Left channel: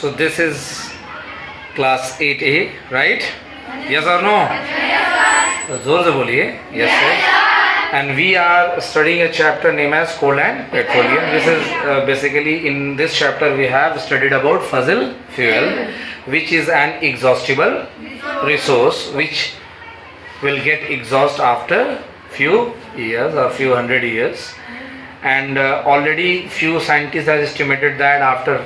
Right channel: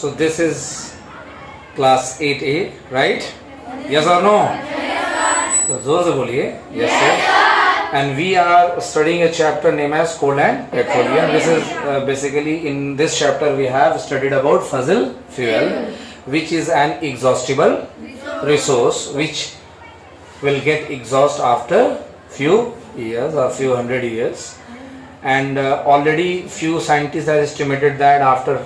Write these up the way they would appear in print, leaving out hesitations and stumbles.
So this is class 8A, right? Yes or no? तो जोर से बोलिए. Yes sir. And we are studying a chapter named as coal and petroleum. This is basically in this chapter we have studied about fossil fuel, which is an exhaustible resource which will get exhaust after few years or few hundred years. And already few scientists have estimated that after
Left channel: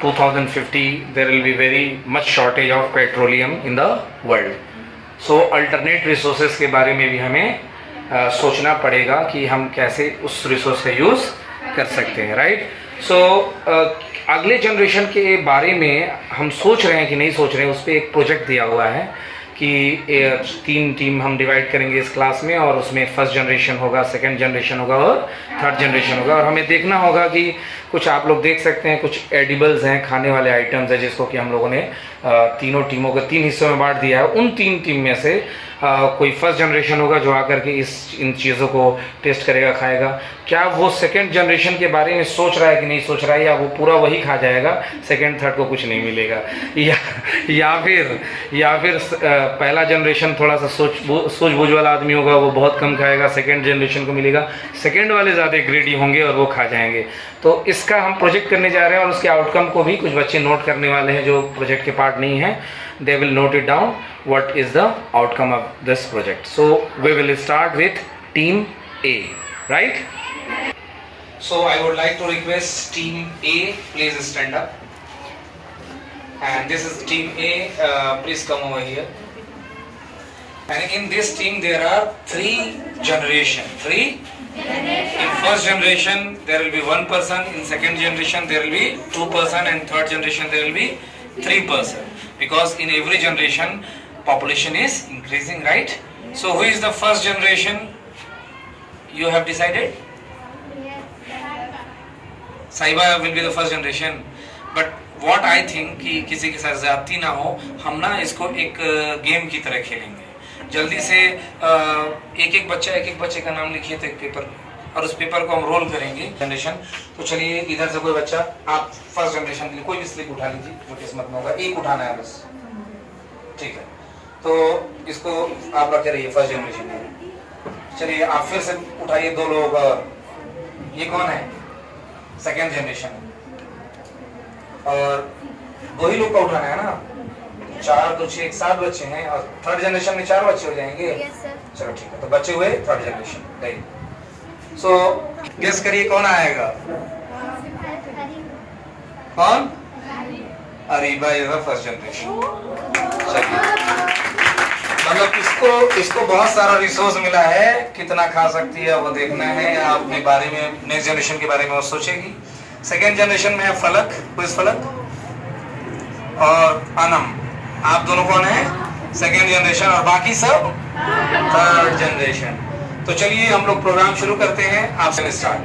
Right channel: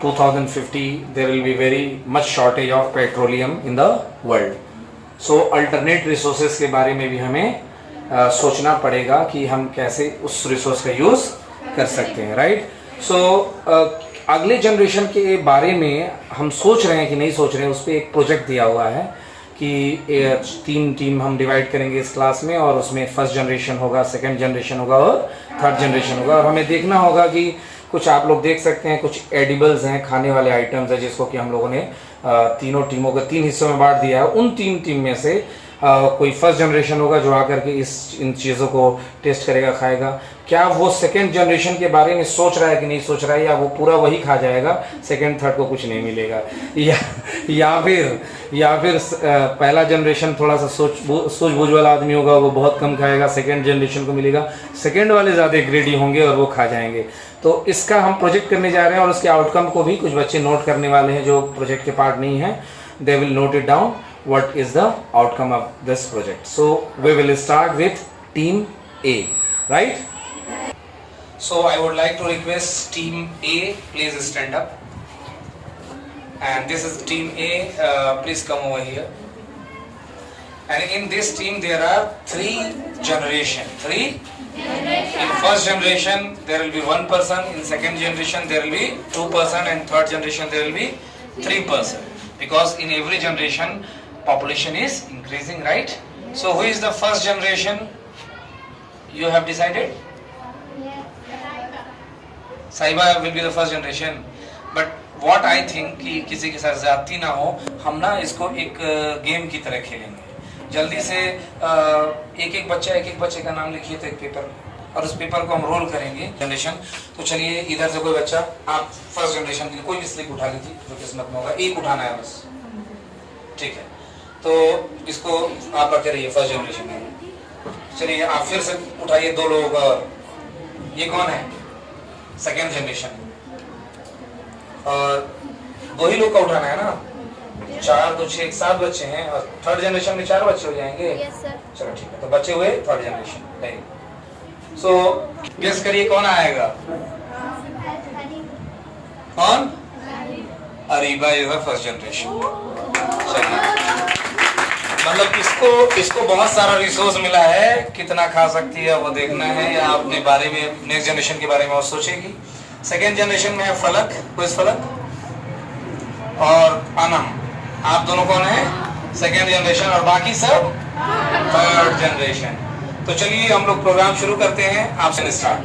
2050 there will be very much shortage of petroleum in the world. So alternate resources के बारे में भी हमें सोचना पड़ेगा कि हम कैसे उस रिसोर्स का यूज़ कर सकते हैं, राइट. सो अगले जनरेशन के बारे में हम सोच रहे हैं कि नहीं सोच रहे हैं, उस पर एक प्रोजेक्ट दिया हुआ है कि 3 टीम हम डिवाइड करेंगे इस क्लास में, और उसमें फर्स्ट जनरेशन होगा, सेकंड जनरेशन होगा और थर्ड जनरेशन होगा. और हमें देखना होगा कि कुछ आप लोग देख सकते हैं, कुछ एडिबल्स हैं, खाने वाले आइटम्स हैं, जिसको कि हम लोगों ने तीनों टीमों को 3 हिस्सों में बांट दिया है. उन 3 टीम में से कोई फर्स्ट जनरेशन होगा जो आकर के इन चीज़ों को टेस्ट करेगा, खाएगा. क्या वो सेकंड जनरेशन के बारे में सोच रहा है कि नहीं सोच रहा है, या वो पूरा वही खा जाएगा, सेकंड थर्ड को कुछ नहीं मिलेगा, या फिर पहला जनरेशन थोड़ा सा सूझबूझ वाला आदमी होगा, वो बहुत कम खाएगा, सेकंड जनरेशन को मिलेगा, सेकंड वाले ज़्यादा ग्रेडी होंगे और वो खा जाएंगे. तो इसका हम प्रोजेक्ट करने जा रहे हैं, और उसके आउटकम को भी कुछ बच्चे नोट करने वाले हैं जो प्रोजेक्ट के पार्ट नहीं हैं. They will note it down what is the outcome of this project. So we will start with team A, right? So I would like to request team A, please stand up. And this is team A, please come over here. And in this team there are 3 generations. In first generation there will be 1 person, in second generation there will be 2 person, and third generation there will be 3 person. Because in every generation population is increasing, right? So who is the first generation you have decided? Saiba will be the first generation. But what I think कि किसी के साथ ज्यादती ना हो, हम ना इसको एक गेम की तरह खेलेंगे. जल्दी से एक एक बच्चे का नाम लिखिए तो एक पेपर, और उस पेपर को हम रोल करेंगे जनरेशन. तो चलिए इधर से कोई बच्चा, आप फर्स्ट जनरेशन के लिए कोई भी स्लिप उठा लीजिए जो किस्मत में होगा, एक उठाना है बस, ठीक है. तो इसको आप रखे रहिए फर्स्ट जनरेशन में. चलिए आप फिर से उठाइए 2 लोगों का, ये कौन है, सेकेंड जनरेशन, और 2 ही लोग का उठाना है ना, 4 2 6 7 बच्चे हैं, और थर्ड जनरेशन में 4 बच्चे हो जाएंगे. चलो ठीक है, तो बच्चे हुए थर्ड जनरेशन. नहीं, सो गेस करिए कौन आएगा, कौन, Ariba is the first generation. मतलब इसको बहुत सारा रिसोर्स मिला है, कितना खा सकती है वो देखना है, या अपने बारे में, नेक्स्ट जनरेशन के बारे में वो सोचेगी. सेकेंड जनरेशन में है फलक, क्विज फलक और अनम, आप दोनों कौन है, सेकेंड जनरेशन, और बाकी सब थर्ड जनरेशन. तो चलिए हम लोग प्रोग्राम शुरू करते हैं, आपसे स्टार्ट.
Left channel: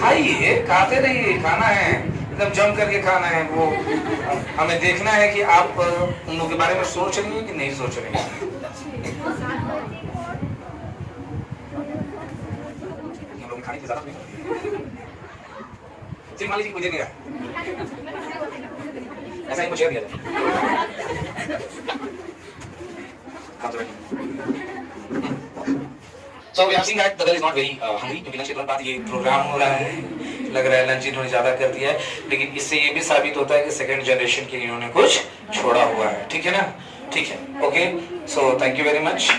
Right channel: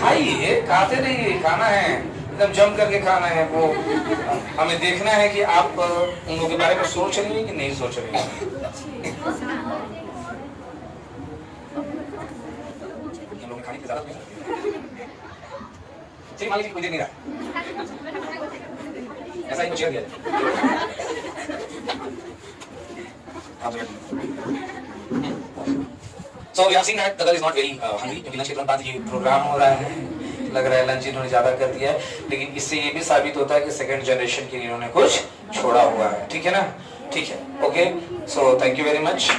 खाइए, खाते रहिए, खाना है एकदम जम करके खाना है. वो हमें देखना है कि आप उन लोगों के बारे में सोच रही हैं कि नहीं सोच रही हैं. ये लोग खाने की ज़रूरत नहीं. जी मान लीजिए कोई दे नहीं रहा, ऐसा ही मुझे दिया. So we have seen that the girl is not very hungry, क्योंकि लंच के तुरंत बाद ये प्रोग्राम हो रहा है, लग रहा है लंच इन्होंने ज़्यादा कर दिया है. लेकिन इससे ये भी साबित होता है कि सेकंड जनरेशन के लिए इन्होंने कुछ छोड़ा हुआ है. ठीक है ना, ठीक है, okay. So thank you very much.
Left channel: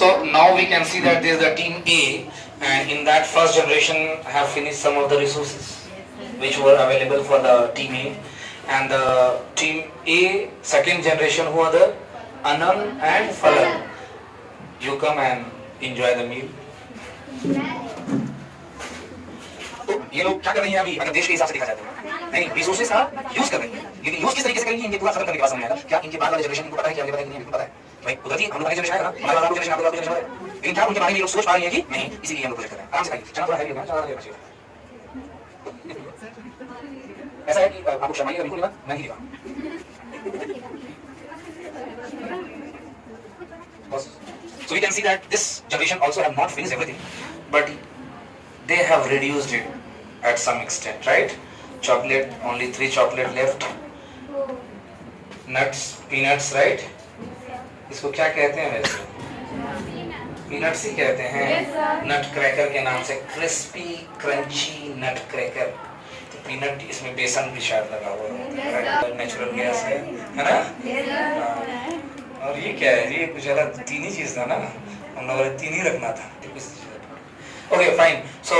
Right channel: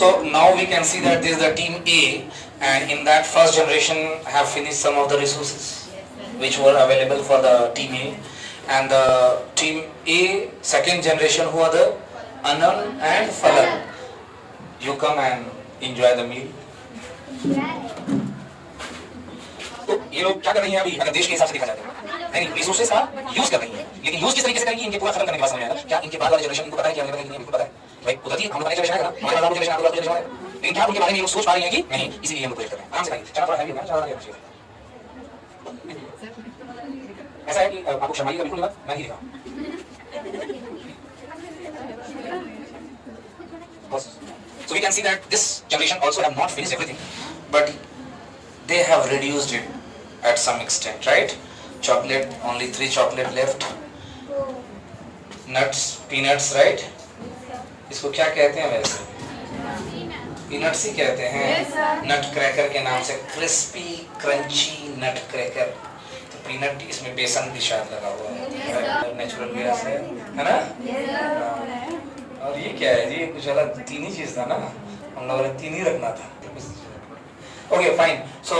So now we can see that this is the team A, and in that first generation have finished some of the resources which were available for the team A, and the team A second generation who are the Anand and Falak. You come and enjoy the meal. तो ये लोग क्या कर रही हैं अभी, अगर देश के हिसाब से देखा जाता है, नहीं रिसोर्सेज का यूज कर रही हैं, लेकिन यूज किस तरीके से करेंगी इनके पूरा खत्म करने के बाद समझ आएगा. क्या इनके बाद वाले जनरेशन को पता है, क्या पता है, नहीं पता है. भाई कुदरती हम लोग पहले जनरेशन है ना, हमारे बाद जनरेशन, आपके बाद जनरेशन है, लेकिन क्या उनके बारे में ये लोग सोच पा रही है कि नहीं, इसीलिए हम लोग प्रोजेक्ट कर रहे हैं. आराम से खाइए, चना थोड़ा हैवी होगा, चना ज़्यादा चाहिए. ऐसा है कि आपको शर्माइएगा बिल्कुल नहीं, मैं नहीं दिखा बस. So we can see that this generation also have not finished everything, but they have reduced it at some extent, right? Chocolate, only 3 chocolate left. Nuts, peanuts, right? इसको क्या कहते हैं वैसे? पीनट्स ही कहते हैं, नट क्रैकर के नाम से, क्रिस्पी क्रंची नट क्रैकर। तो पीनट, इसमें बेसन भी शायद लगा हुआ है, नेचुरल गैस है ना? और ये क्या है? ये कुछ अलग 3 ही चीज था ना, हम लोगों ने 3 ही रखना था। Okay fine. सो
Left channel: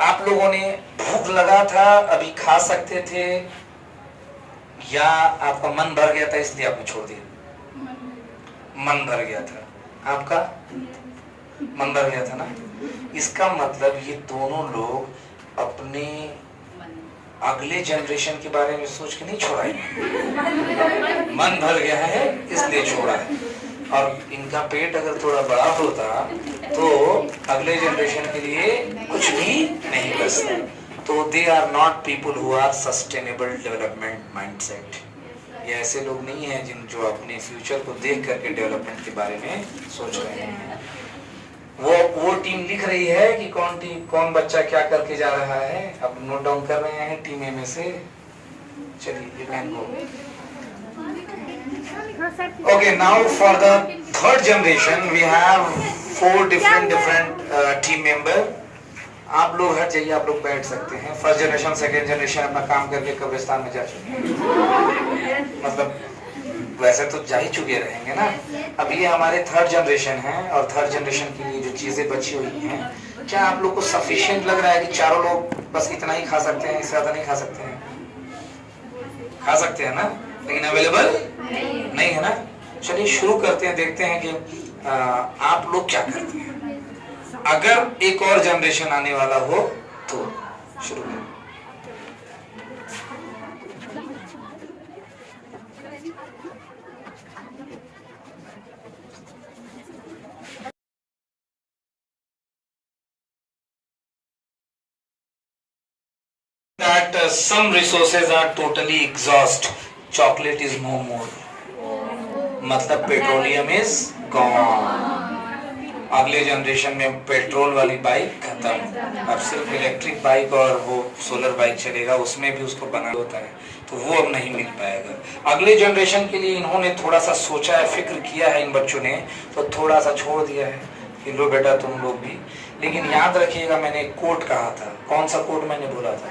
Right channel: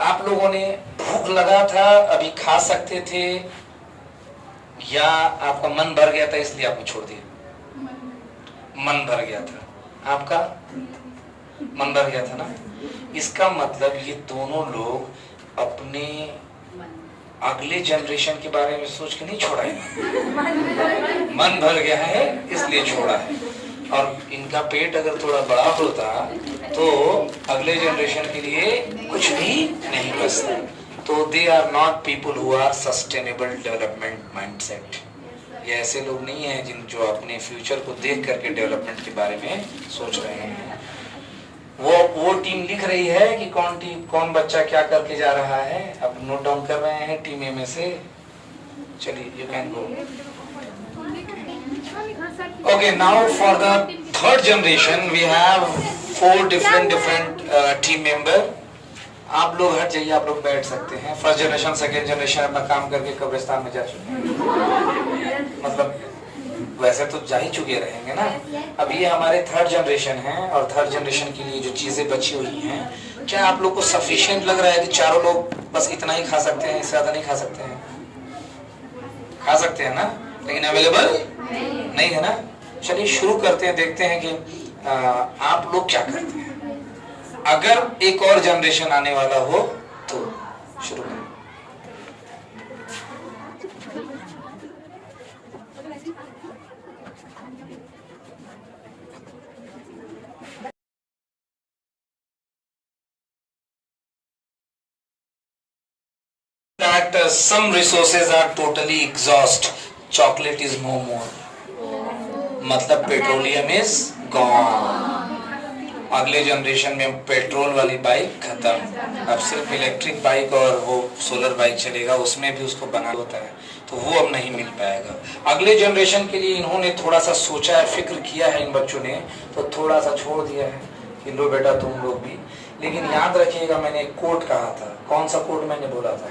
आप लोगों ने भूख लगा था, अभी खा सकते थे, या आपका मन भर गया था इसलिए आपको छोड़ दिया? मन भर गया था आपका, मन भर गया था ना? इसका मतलब ये दोनों लोग अपने अगले जनरेशन के बारे में सोच के नहीं छोड़ा है, मन भर गया है इसलिए छोड़ा है। और इनका पेट अगर थोड़ा बड़ा होता तो अगले जनरेशन के लिए कुछ भी नहीं बचता। तो they are not people who are sustainable development mindset. ये ऐसे लोग नहीं हैं जिन जो अपने फ्यूचर को देख करके डेवलपमेंट के बारे में सोच रहे हैं। वो टीम लिख रही है कि कौन बच्चा क्या करके जा रहा है, अब नोट डाउन कर रहे हैं टीम ए में से। चलिए you can go. Okay, now for the third generation we have 4 different team member. आप लोग हट जाइए, आप लोग बैठ सकते हैं। फर्स्ट जनरेशन, सेकेंड जनरेशन अपना काम करके कब्रिस्तान में जा चुके हैं, मतलब वैसे तो जा ही चुके रहेंगे ना। अब ये हमारे थर्ड जनरेशन है, और थर्ड जनरेशन के लिए जो चीजें बची हुई हैं, क्या आप लोग को सफिशिएंट लग रहा है कि चारों लोग बस इतना ही खा सकते हैं, इससे ज्यादा नहीं खा सकते हैं? खा सकते हैं ना, लेकिन अवेलेबल नहीं है ना। चलिए शुरू करते हैं, देखते हैं कि आप लोग क्या करते हैं। अगर एक और जनरेशन आने वाला हो तो शुरू करें। That some resources are totally exhaust. Chocolate is no more. मतलब पेट्रोलियम इज गॉन। अगले जनरेशन में पेट्रोल वाली बाइक खत्म, अब सिर्फ इलेक्ट्रिक बाइक और वो सोलर बाइक चलेगा, उसमें भी उसको बना होता है, तो वो अब नहीं मिल पाएगा। अगले जनरेशन के लिए इन्होंने थोड़ा सा सोचा है, फिक्र किया है इन बच्चों ने, तो थोड़ा सा छोड़ दिया है कि लो बेटा तुम लोग भी। लेकिन याद रखिएगा, मैंने एक कोट कहा था, कौन सा कोट मैंने बोला था?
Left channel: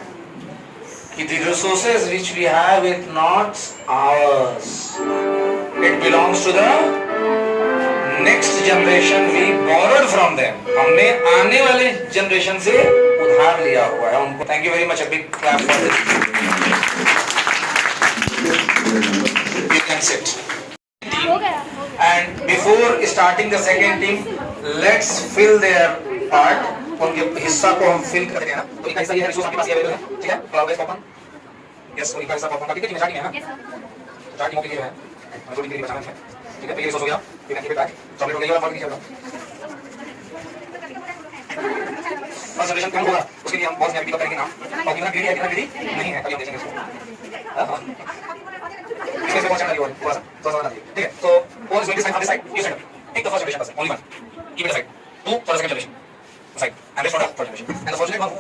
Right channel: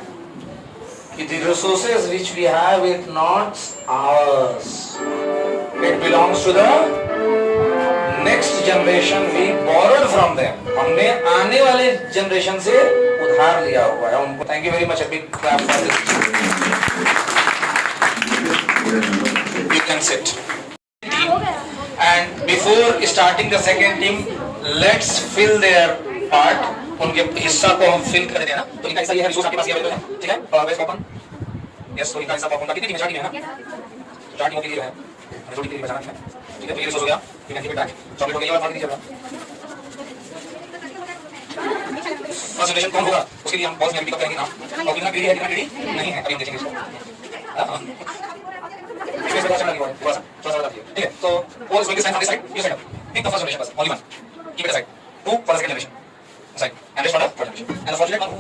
कि the resources which we have is not ours, it belongs to the next generation, we borrowed from them. हमने आने वाले जनरेशन से उधार लिया हुआ है उनको। Thank you very much, a big clap for this. You can sit. And before starting the second team, let's fill their part. उनके हिस्सा को हम फिल कर देना। तो इनका हिस्सा ये है, रिसोर्स आपके पास अवेलेबल है, ठीक है? और वेस्ट पॉपकॉर्न, यस, तो इनका हिस्सा पॉपकॉर्न का कितनी टीम है? 4 टीम है ना, 4 टीमों के लिए है, छोटी टीम के लिए बचाना है, ठीक है? तो ये रिसोर्स हो गया, ये can keep it back, chocolate हो गई और नहीं चल रहा। फर्स्ट जनरेशन कौन होगा उसके लिए हम बॉस में एमपी का करेंगे नाम, और कितना ग्रेडी है कितना ग्रेडी नहीं है, अभी हम देखेंगे इसको। हां इसमें से कौन चला रही है, थोड़ा सा बताइए, ठीक है? तो all is going to side for this side, ये side, take the first generation बस, only one, keep it aside, 2 for the second generation side, and for the third generation. And the fortunate one who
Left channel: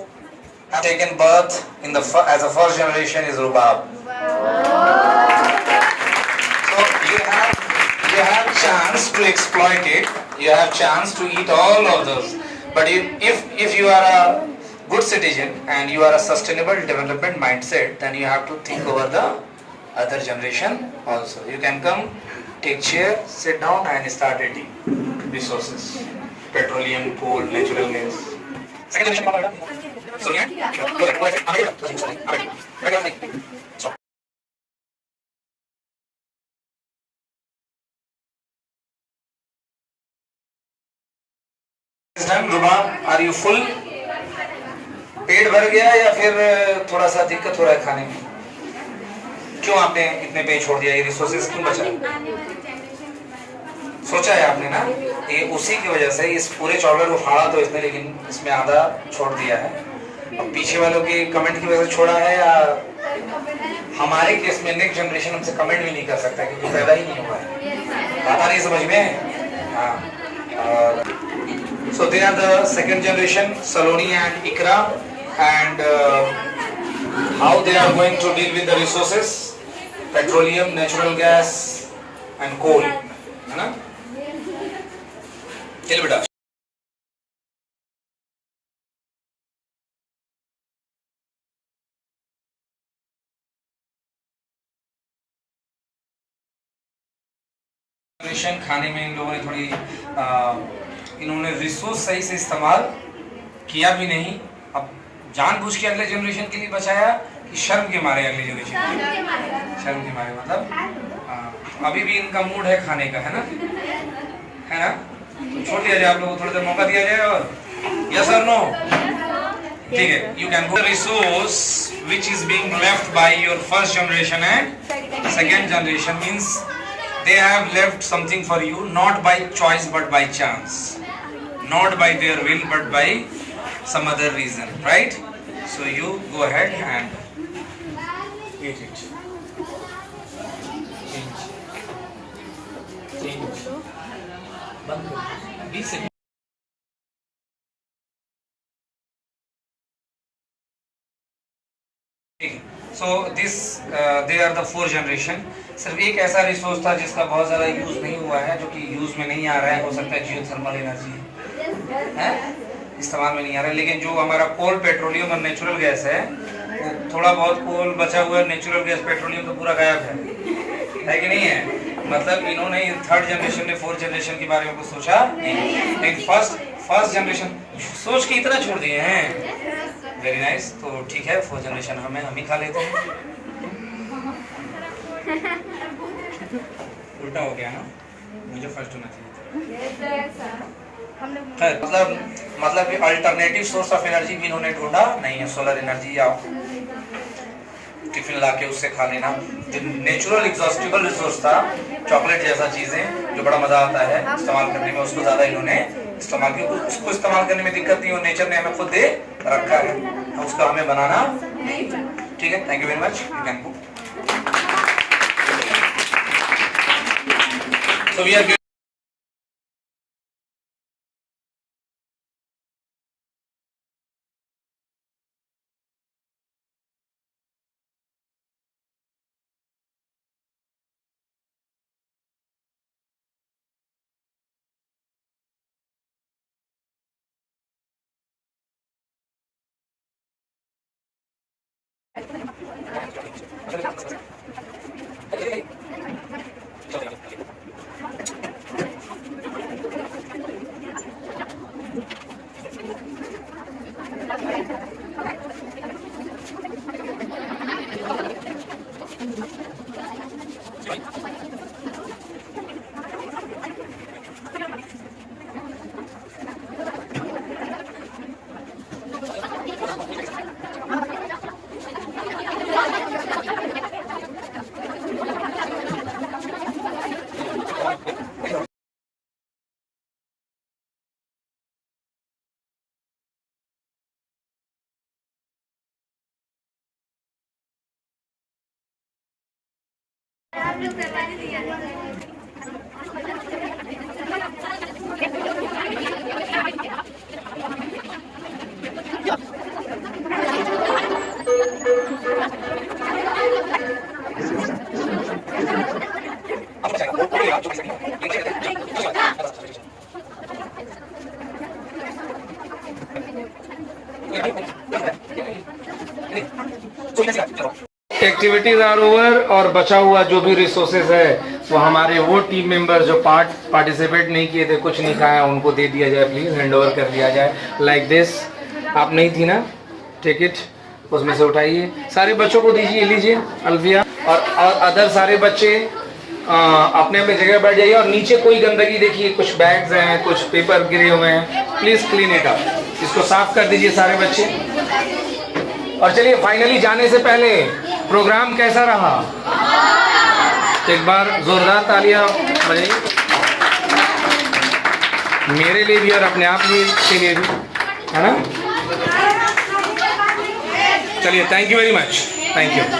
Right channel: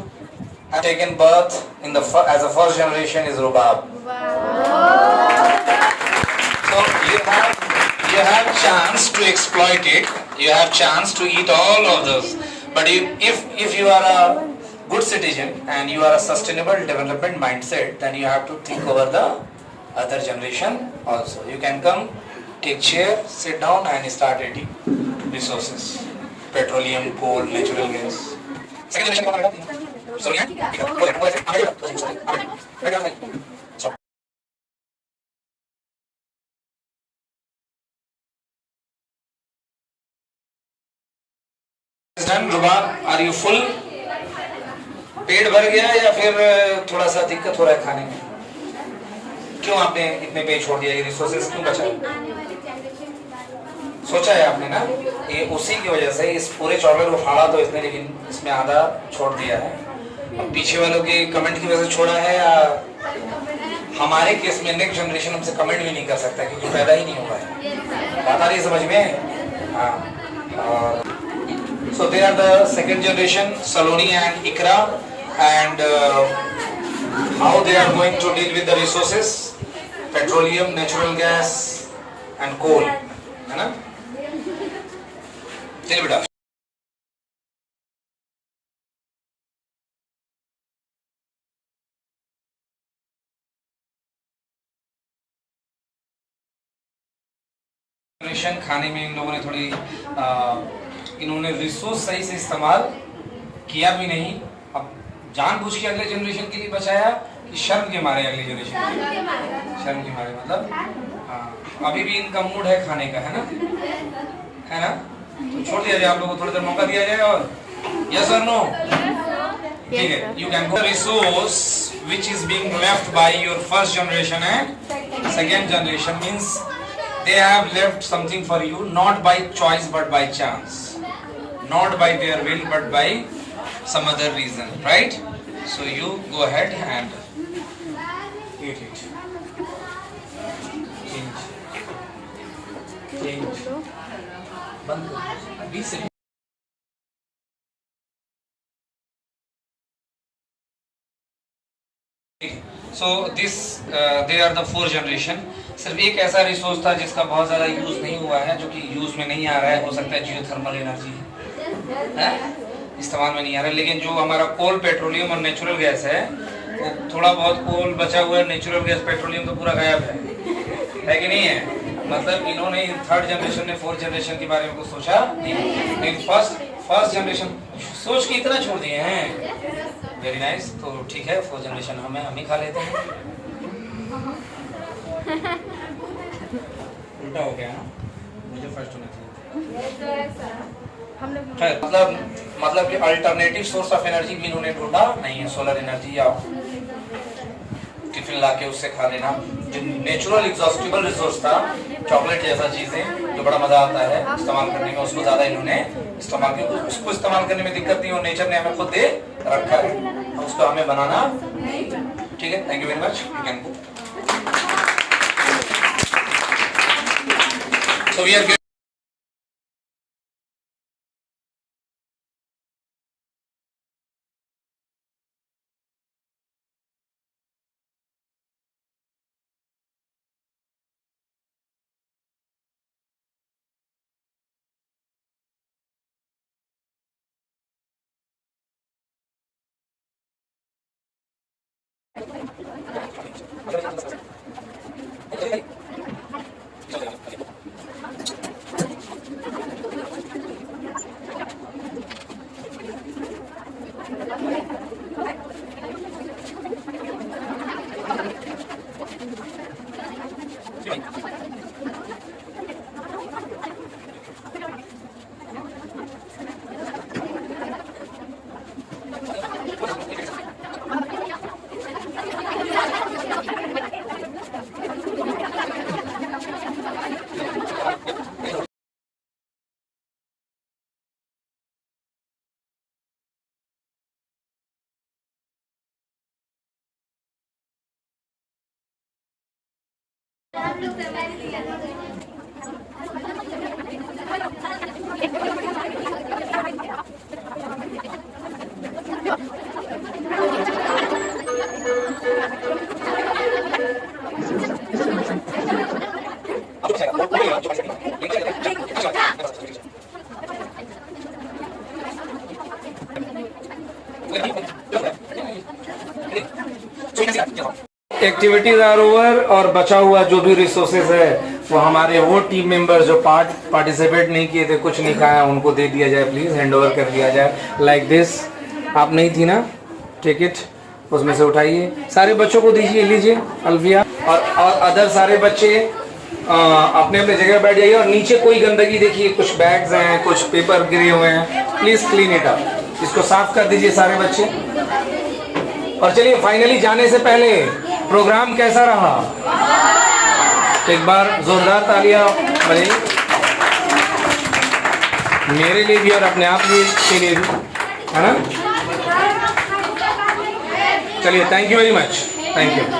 have taken birth in the as a first generation is Rubab. So you have chance to exploit it. You have chance to eat all of those. But if you are a good citizen and you are a sustainable development mindset, then you have to think over the other generation also. You can come, take chair, sit down, and start eating resources. Petroleum, coal, natural gas. Second generation का क्या है? Sorry, Rubab, are you full? पेट भर गया या फिर थोड़ा सा दिक्कत हो रहा है खाने में? क्यों आपने इतने पे छोड़ दिया? ये रिसोर्सेज क्यों बचा? सोचा है आपने ना, ये उसी की वजह से इस पूरे चॉकलेट को फाड़ा तो इसने, लेकिन इसमें आधा छोड़ दिया है। अब पीछे वालों की कमेंट की वजह से छोड़ा है, या हमारे केस में नेक्स्ट जनरेशन हमसे कमेंट भी नहीं कर सकता क्योंकि पैदा ही नहीं हुआ है। बात आ रही समझ में? हाँ, So they are the second generation, Saloni and Ikra, and how they are going to deal with the resources, petroleum, natural gas and coal, है ना? चलिए बेटा। खाने में इन लोगों ने थोड़ी इन्होंने रिसोर्स सही से इस्तेमाल किया भी नहीं। अब जानबूझ के अगले जनरेशन के लिए बचाया कि शर्म के मारे अगले जनरेशन के? शर्म के मारे मतलब अभी भी इनका मूड है खाने का, है ना? तो छोड़ दिया जाए, आप लोगों को थोड़ा सा मौका दिया जाए। और यस और नो? ठीक है, you can go. Resource which is being left by your first generation and second generation means they have left something for you, not by choice but by chance, not by their will but by some other reason, right? So you go ahead and eat it. Change. बंद करो 20 second. So this they are the fourth generation। सिर्फ एक ऐसा resource था जिसका बहुत ज़्यादा use नहीं हुआ है, जो कि यूज़ में नहीं आ रहा है। हो सकता है जियोथर्मल एनर्जी है, इस्तेमाल में नहीं आ रहा है। लेकिन जो हमारा कोल, पेट्रोलियम और नेचुरल गैस है, वो थोड़ा बहुत कोल बचा हुआ है, नेचुरल गैस, पेट्रोलियम तो पूरा गायब है कि नहीं है? मतलब इन्होंने थर्ड जनरेशन ने फोर्थ जनरेशन के बारे में कुछ सोचा नहीं, लेकिन फर्स्ट जनरेशन सोच के इतना छोड़ दिए हैं। Very nice. तो ठीक है, फोर्थ जनरेशन हम ही खा लेते हैं। उल्टा हो गया ना, मुझे फर्स्ट होना चाहिए। मतलब कि अल्टरनेटिव सोर्स ऑफ एनर्जी भी इन्होंने ढूंढा नहीं है। सोलर एनर्जी या टिफिन ला के उससे खा लेना, जो नेचुरल एग्जॉस्टिबल रिसोर्स था, चॉकलेट जैसा चीजें जो बड़ा मजा आता है इस्तेमाल करने में, उसको ज्यादा इन्होंने इस्तेमाल किया। उसको इस्तेमाल करने में दिक्कत नहीं, और नेचर ने हमें खुद दे रखा है, उसको हमें बनाना नहीं। ठीक है, thank you very much. You can go. So we are activities are over, और बचा हुआ जो भी रिसोर्सेज है वो हमारे वो टीम मेंबर जो पार्टिसिपेट नहीं किए थे, कुछ नहीं खाया, उनको दे दिया जाए। प्लीज हैंड ओवर कर दिया जाए लाइक दिस। आप नहीं थी ना, टेक इट, उसमें से उठाइए, सारे बच्चों को दीजिए, लीजिए अल्फिया और अदर सारे बच्चे अपने अपने जगह बैठ जाइए। और नीचे कोई गंदगी देखिए, कुछ बैग्स हैं, कुछ पेपर गिरे हुए हैं, प्लीज क्लीन इट अप, इसको साफ कर दीजिए सारे बच्चे। और चलिए फाइनली जाने से पहले प्रोग्राम कैसा रहा, एक बार जोरदार तालियां बजाइए मेरे लिए भी और अपने आप के लिए भी, है ना? चलिए, thank you very much, thank you.